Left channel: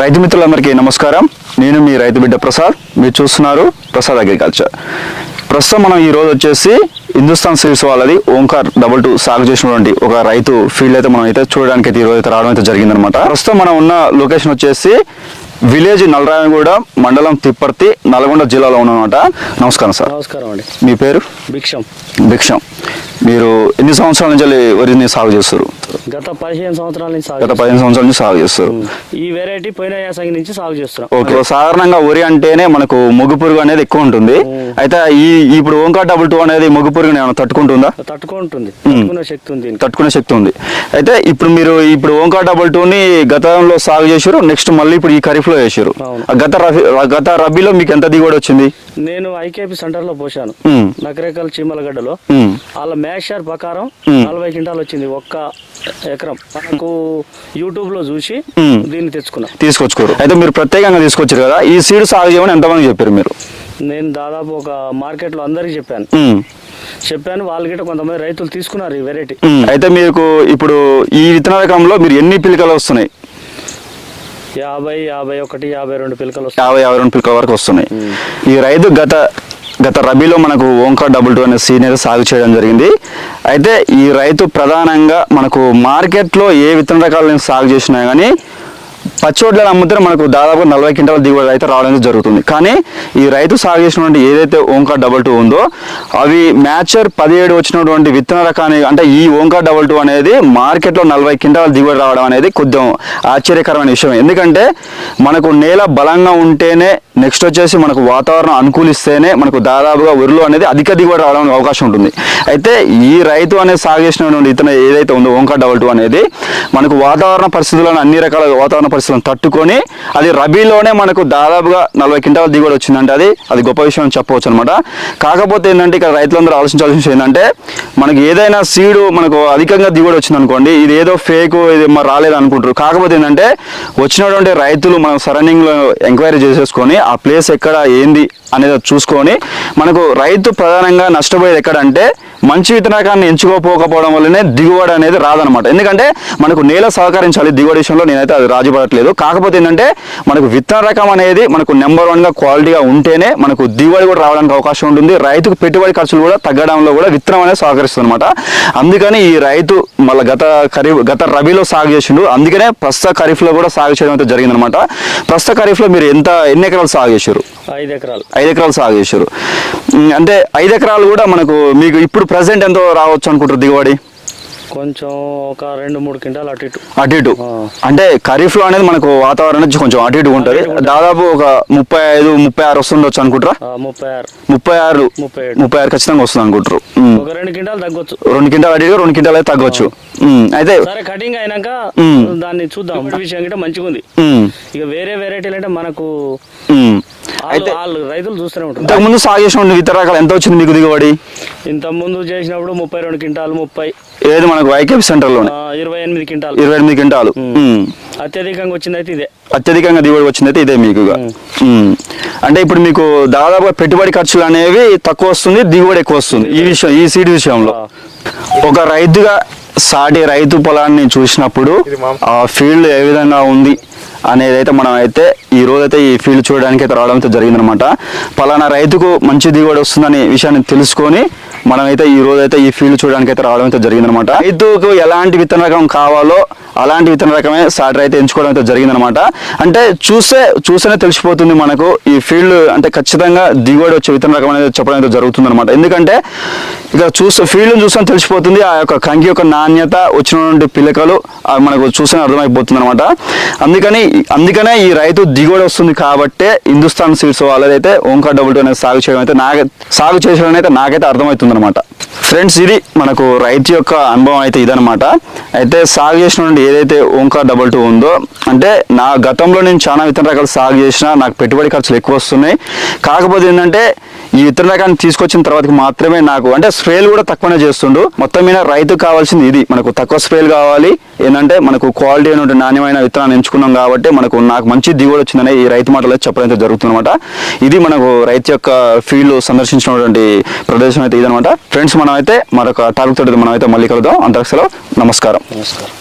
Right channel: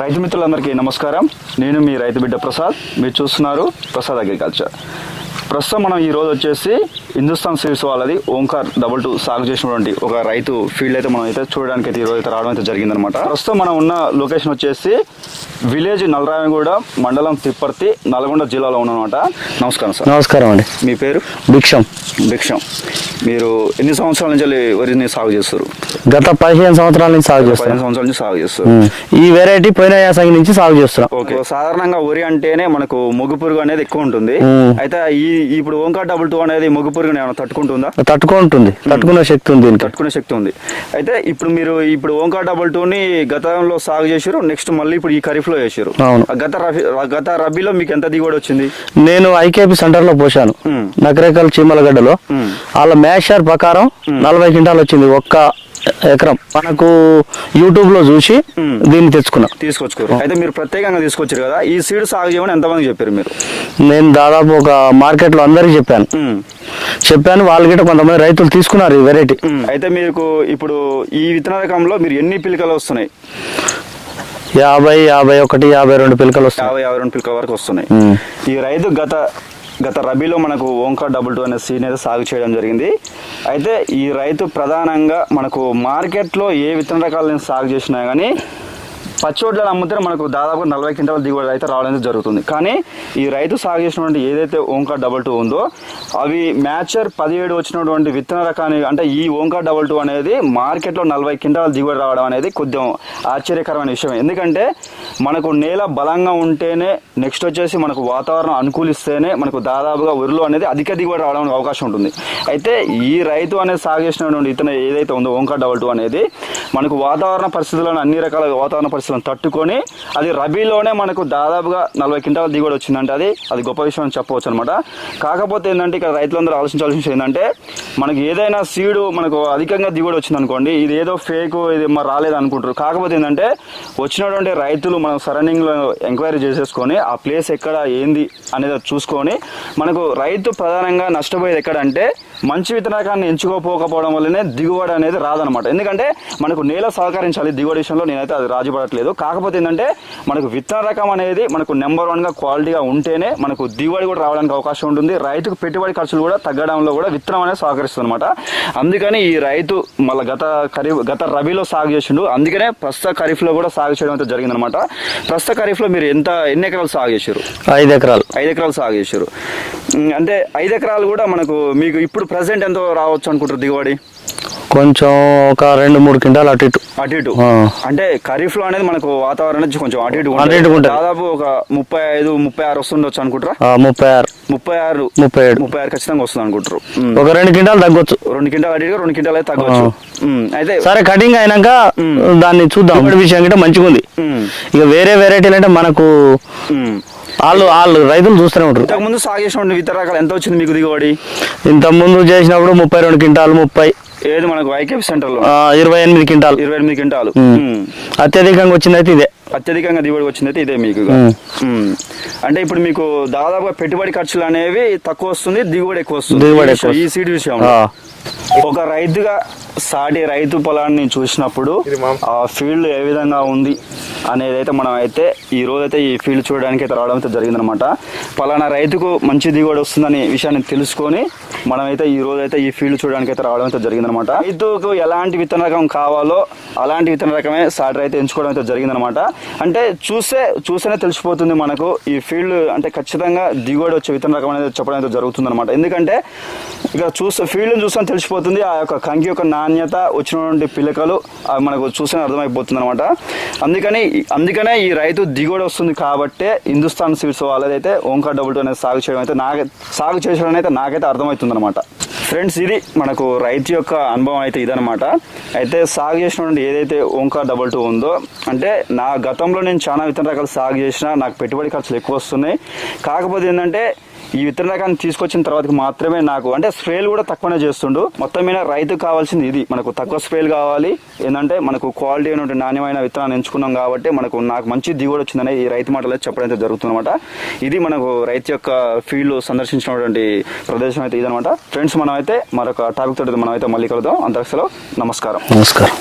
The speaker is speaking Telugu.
రైతు మిత్రులందరికీ నమస్కారం. నేను మీ రైతు బిడ్డ ప్రసాద్. మీరు చూస్తున్నారు ప్రసాద్ అగ్రికల్చర్. ప్రస్తుతం మనం ఈరోజు వచ్చేసి హిందుస్థాన్ సిల్స్ వాళ్ళది ఓంకార్ డబుల్ టూ సాగు చేసినటువంటి ఒక రైతు ఫీల్డ్ అయితే మనం అయితే చూడడానికి అయితే ఈ రోజు అయితే రావడం అయితే జరిగిందనమాట ప్రస్తుతం మనం ఉన్న లొకేషన్ వచ్చేసి విలేజ్ నలరాయగూడ మండలం తిప్పర్తి నల్గొండ జిల్లాలో ఉన్నమాట నమస్కారం సార్. నమస్కారం అండి. మీ పేరు? భిక్షం. భిక్షం. మీరు ఎన్ని సంవత్సరాల నుంచి వరిని సాగు చేస్తారు? గత పదిహేను సంవత్సరాల నుంచి సాగు. పదిహేను సంవత్సరాల నుంచి సాగు చేస్తారు. ఈ వెరైటీ పోయిన యాసంగి నుంచి సాగు చేస్తున్నాం. ఓకే. సాధారణంగా వరి అంటేనే మనకు మొగ్గు పురుగు అనేది ఎక్కువ ఉంటుంది. అయితే ఈ ఇప్పుడు ఓంకా డబుల్ టూ అనేది మొగ్గు పురుగుని ఏమైనా తట్టుకుంటుందా? తట్టుకుంటుంది. తట్టుకునే శక్తి ఉంది. తట్టుకునే శక్తి ఉంది. అయితే ఇప్పుడు మీరు ఇప్పుడు ఓంకా డబుల్ టూని గతంలో సాగు చేశారు. నెక్స్ట్ మళ్ళీ ఇప్పుడు ఈ ఖరీఫ్ లో అవును. గత రబీ గత రబీలో మీకు ఎంత దిగుబడి వచ్చింది నేను ఐకేపీ సెంటర్లో పోసాను మ్మ్. నకరేకల్ చీమలగడ్డలో. వాళ్ళ మ్యాషర్ ప్రకారం నలభై క్వింటాలు వచ్చింది ఒక్క ఎకరం మనకు యూట్యూబ్లో చూసి. దీన్ని తెచ్చుకున్నాం తీసుకొచ్చుకోరు అయితే మీరు ప్రత్యేకంగా తీసుకొచ్చారు కదా ఈ సీడ్ సాగు చేయమని ఎంతమంది చెప్పారు మీరు నేను దాదాపు ఒక మార్కెట్లో అందరికి చెప్పాను. చెప్పాను వాళ్ళు గిట్ట కొంతమంది రైతులు తీసుకున్నారు ఈ వెరైటీ. అయితే మీకు ఇప్పుడు ఈ విత్తన రకంలో మీరు ఎన్ని పిలకలు వస్తున్నాయి యాభై యాభై ఒకటి యాభై రెండు పిలకలు యాభై యాభై రెండు పిలకల వరకు వస్తున్నాయి. ఈ రైతు గత గత రబీలో మనకు ఓంకా డబుల్ టూ అనే సీన్ అయితే సాగు చేయడం జరిగింది. అయితే ఈ రైతు ప్రధానంగా మనకు మార్కెట్లో ఏ విత్తన రకాలను సాగు చేసినా కానీ పచ్చోడ్లను అమ్ముతే మనకు దాదాపు నలభై క్వింటాల దిగుబడి అయితే రావడం జరుగుతుంది. కానీ ఈ రైతు సాగు చేసినటువంటి ఏదైతే ఓంకా డబల్ టూ ఉందో అవి మ్యాచర్ పదిహేడు వచ్చినటువంటి విత్తన రకాన్ని అంటే ఈ ఓంకా డబల్ టూ అనేది మార్కెట్లో నలభై క్వింటాల దిగుబడి రావడం అనేది కొద్దిగా ఆశ్చర్యకరమైన విషయం. ఎందుకంటే మనకు నేల బలంగా ఉంటేనే నెక్స్ట్ వచ్చేసి మనకు వాతావరణం అనుకూలిస్తేనే మనకు దాదాపుగా వరిలో అనేది అధిక దిగుబడి రావడానికి అవకాశం ఉంటుంది. అయితే ఈ రైతు అనేది సాగు చేసినటువంటి ఇతను ఏదైతే ఉందో ఓంకా డబల్ టూ అనేది మనకు వాతావరణ పరిస్థితులను అన్ని రకాల వాతావరణ పరిస్థితులను తట్టుకొని అది రబీలోనే మనకు దాదాపుగా నలభై క్వింటాల దిగుబడి వచ్చిందంటే అది అది గొప్ప విషయం అని చెప్పవచ్చు అనమాట కాకపోతే ఏంటంటే ఇక్కడ రైతులందరూ ఆలోచించాల్సిన విషయం ఏంటంటే మనకి ఏదైనా సీడు మనకు అధికంగా దిగుబడి వచ్చింది అనుకోండి ఇది ఏదో ఫేక్ ఇది మరి రాలేదు అనుకుంటారు కాకపోతే ఏంటంటే వచ్చినటువంటి రైతులు మనం సరౌండింగ్లో ఎంక్వైరీ చేసేసుకొని ఆ ప్లేస్ ఎక్కడ ఏంది అనేది చూసుకొని మనకు రైతు ప్రధానంగా నష్టపోయేది ఎక్కడంటే మంచి విత్తనకాన్ని ఎంచుకోకపోవడం వల్లనే దిగుబడి అనేది రాదనమాట ఎందుకంటే మనకు నేల సహకరించాలి దిగుబడి విషయంలో నేనైతే అది రాజుపడట్లేదు. కాకపోతే ఏంటంటే మనకు విత్తన రకం అనేది మనకు నెంబర్ వన్గా క్వాలిటీగా ఉంటేనే మనకు దిగుబడి కూడా రావడానికి అవకాశం ఉంటుంది. రైతుకు పెట్టుబడి ఖర్చులు కూడా తగ్గడంలో కూడా విత్తనం అనేది సహకరిస్తుంది అనమాట అందుకని ఈ రైతు మళ్ళీ గత ఖరీఫ్ గత రబీలో సాగు చేసిండు. అందుకనే ప్రస్తుత ఖరీఫ్లో కూడా సాగు చేయడం అయితే జరిగిందనమాట ప్రస్తుత ఖరీఫ్లో మీరు ఎంత ఎన్ని ఎకరాలు సాగు చేశారు ఐదు ఎకరాలు. ఐదు ఎకరాలు సాగు చేశారు అంటే ఐదు ఎకరాలు కూడా మనకు మీకు ఇప్పుడు ప్రజెంట్ ఎంతో రావచ్చు అనుకుంటారు దిగుబడి? కొంచెం ఒక రెండు మూడు క్వింటాలు అటు ఇటు. అటు ఇటు. అంటే ఖరీఫ్లో అనేది మనకు వాతావరణం కొంచెం అటు ఇటు ఉంటుంది. దాదాపు ఒక ముప్పై ఐదు ముప్పై ఆరు వస్తుండొచ్చు అనుకుంటారా? ముప్పై ఆరు. ముప్పై ఆరు ముప్పై ఏడు. ముప్పై ఆరు ఖచ్చితంగా వస్తుంది అనుకుంటారు. ఒక రెండు క్వింటాలు తగ్గొచ్చు. రెండు క్వింటాలు అటు ఇటు రెండు క్వింటాలు అయితే తగ్గవచ్చు ఉమ్, అయితే సరే కటింగ్ అయినాక. దాన్ని చూద్దాం. విషయం కంటే మంచిగా ఉంది ఇక వేరే వెరైటీలు అంటే మనకు. వాళ్ళు వాళ్ళు రైతులు చూస్తూనే ఉంటారు. ఇంతకు ముందు సాగు చేసిన ఇతర రకాలు ఎంత వచ్చింది మీకు దిగుబడి? ఇంత ముందు చేసినప్పుడు ముప్పై రెండు క్వింటాలు ముప్పై. ఏది మనకు వైకేపీ సెంటర్లో ఆ, ఇరవై ఎనిమిది క్వింటాలు. ఇరవై ఎనిమిది క్వింటాలు. అత్యధికంగా వచ్చింది అయితే ఇదే. అత్యధికంగా దిగుబడి వచ్చింది అయితే ఇదే మీకు. అంటే ఇప్పుడు మీకు దాదాపుగా పెట్టుబడి ఖర్చులు అనేవి తక్కువ వస్తుంది దిగుబడి ఎక్కువ వస్తుంది. ఈ దిగుబడి విషయం- ఈ సీడ్ విషయంలో. ఒక రైతుగా సాటి రైతు పొలాన్ని చూసినప్పుడు ఆ ఫీల్డ్ ఏ విధంగా ఉంది? అనేది అయితే మనం అయితే ఈ రోజైతే ఈ ఫీల్డ్ చూడడానికి అయితే రావడం అయితే జరిగిందనమాట. పలానా రైతుకు మంచి దిగుబడి వస్తుందనే విషయాన్ని తెలుసుకొని మనమైతే ఈ రోజు అయితే ఈ ఫీల్డ్ చూడడానికి అయితే రావడం అయితే జరిగిందనమాట. రైతుకు ఎలాంటి విత్తన రకం కావాలో అలాంటి విత్తన రకమే సాటర్ అయితే ఎంచుకోవడం అయితే జరిగిందనమాట. అంటే చూస్తే చూస్తేనే తెలిసిపోతుంది మనకు ఈ ఫీల్డ్ అంటే ఖచ్చితంగా దిగుబడి వచ్చే విత్తన రకం అనేది చెప్పడం అయితే జరుగుతుంది అనమాట ఎందుకంటే ఇక చూస్తే ఫీల్డ్ చూస్తే తెలిసిపోతుంది ఆ యొక్క కంకి యొక్క నాణ్యత వచ్చినటువంటి పిల్లకలు మనకు చూస్తేనే అర్థమైపోతుంది అనమాట అందుకని అందుకనే ఈ రైతు దిగుబడి వస్తుంది కాబట్టే హిందుస్థాన్ సీడ్స్ వాళ్ళదైతే ఓంకార్ డబుల్ టూ అనేది సాగు చేయడం అయితే నాకు సాగు చేసడం అయితే నాకైతే అర్థమవుతుంది అనమాట ఫ్రెండ్స్ ఇది మనకు రైతు యొక్క అనుభవం అయితే ఇదనమాట అయితే సాగు చేసినటువంటి ఏదైతే ఓంకార్ డబల్ టూ ఉందో అంటే నా గతంలో నేను చాలా విత్తన రకాలు సాగు చేసిన నాకు పెట్టుబడి ఖర్చులు ఎక్కువ వస్తున్నాయి. కాకపోతే ఏంటంటే ఈ విత్తనకాన్ని తీసుకొచ్చిన తర్వాత మాత్రమే నాకు అంటే స్ప్రేలు కూడా తక్కువనే చేస్తుండు. మొత్తం మీద రైతు కావాల్సింది ఇది. మనకు తక్కువ స్ప్రేలు కావాలి. ఏంటంటే మనకు క్వాలిటీ అయినటువంటి నాణ్యమైన విత్తనాన్ని ఎంచుకున్నాం కాబట్టి మనకు నాకు మంచి దిగుబడి వచ్చిందని ఈ రైతు మాటలో చెప్పడం అయితే జరుగుతుందన్నమాట. ఇది మనకు రైతు యొక్క ఫీల్డ్ సందర్శించినటువంటి ప్రదేశం అయితే ఇదనమాట ఫ్రెండ్స్ మనం అయితే మరొక టాపిక్ తోటి మనం అయితే మళ్ళీ కలుద్దాం. అంతకు నమస్కారం. నమస్కారం.